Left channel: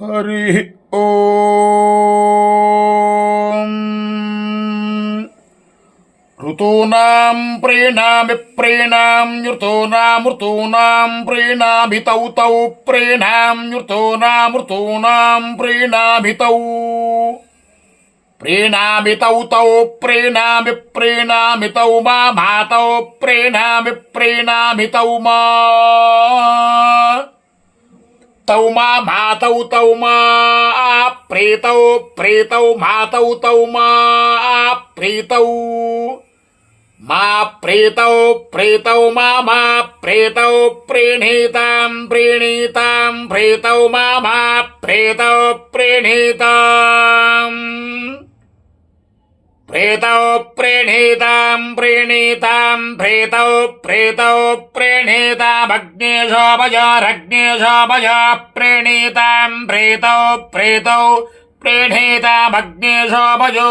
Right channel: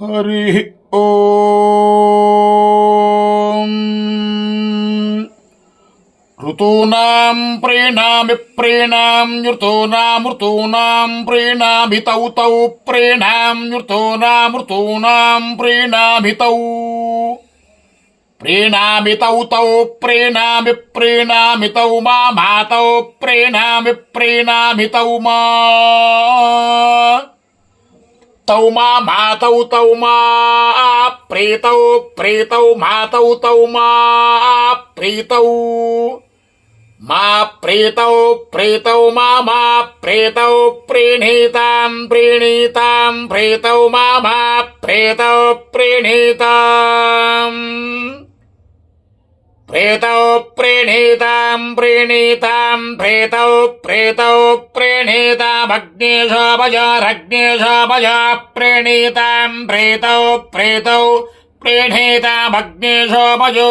హరి ఓం. ఋతూనాం ప్రేణామి ప్రేణాం ఋతూనామృతూనాం ప్రేణామి తౌ తౌ ప్రేణాం ఋతూనామృతూనాం ప్రేణామి తౌ ప్రేణామి తౌ తౌ ప్రేణామి ప్రేణామి తౌ మా మాతౌ ప్రేణామి ప్రేణామి తౌ మా తౌ మా మాతౌ తౌ మా ప్రీతౌ ప్రీతౌ మాతౌ తౌ మా ప్రీతౌ మా ప్రీతౌ ప్రీతౌ మా ప్రీతౌ ప్రీణీతాం ప్రీణీతాం ప్రీతౌ మా ప్రీతౌ ప్రీణీతాం ప్రీతౌ ప్రీణీతాం ప్రీణీతాం ప్రీతౌ ప్రీతౌ ప్రీణీతామగ్నేశోపజారగ్నేశోపజ ప్రీణీతాం ప్రీతౌ ప్రీతౌ ప్రీణీతామగ్నేశోపజో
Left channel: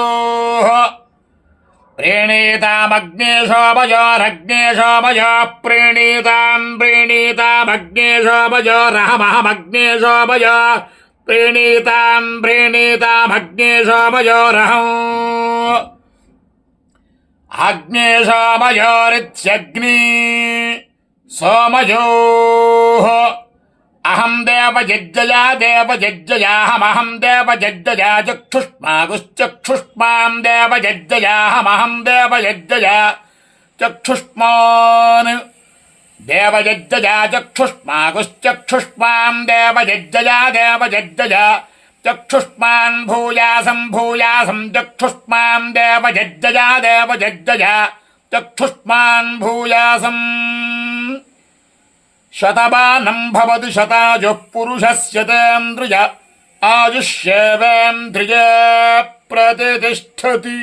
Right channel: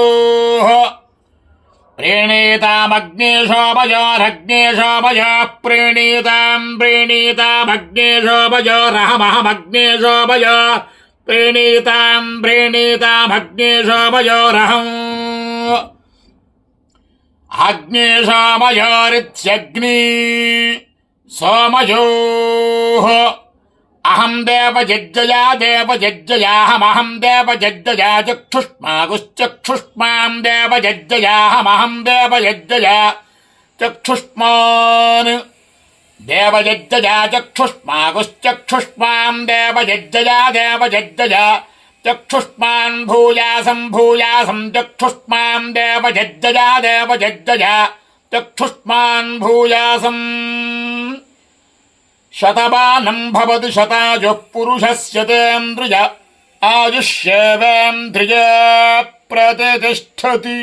ప్రీణీతామగ్నేశోపజోరగ్నేశోపజ ప్రీణీతాం ప్రీణీతామగ్నేశోపజోరహమహమగ్నేశోపజ ప్రీణీతాం ప్రీణీతామగ్నేశోపజోరహం అగ్నేశోపజోరిత్యగ్ని సోమయోః అహం దేవయజ్జయా దేవయజ్జయాహమహం దేవయజ్జయా చక్షుష్మాగుశ్చక్షుష్మాం దేవయజ్జయాహమహం దేవయజ్జయా చక్షుష్మాన్ దేవయజ్జయా చక్షుష్మాగుశ్చక్షుష్మాం దేవయజ్జయా దేవయజ్జయా చక్షుష్మాన్ భూయాసం భూయాసం చక్షుష్మాం దేవయజ్జయా దేవయజ్జయా చక్షుష్మాన్ భూయాసం శతమానం భవతి శతాయుః పురుషస్యేంద్రియ ఆయుష్యేవేంద్రియే ప్రతిష్టతి.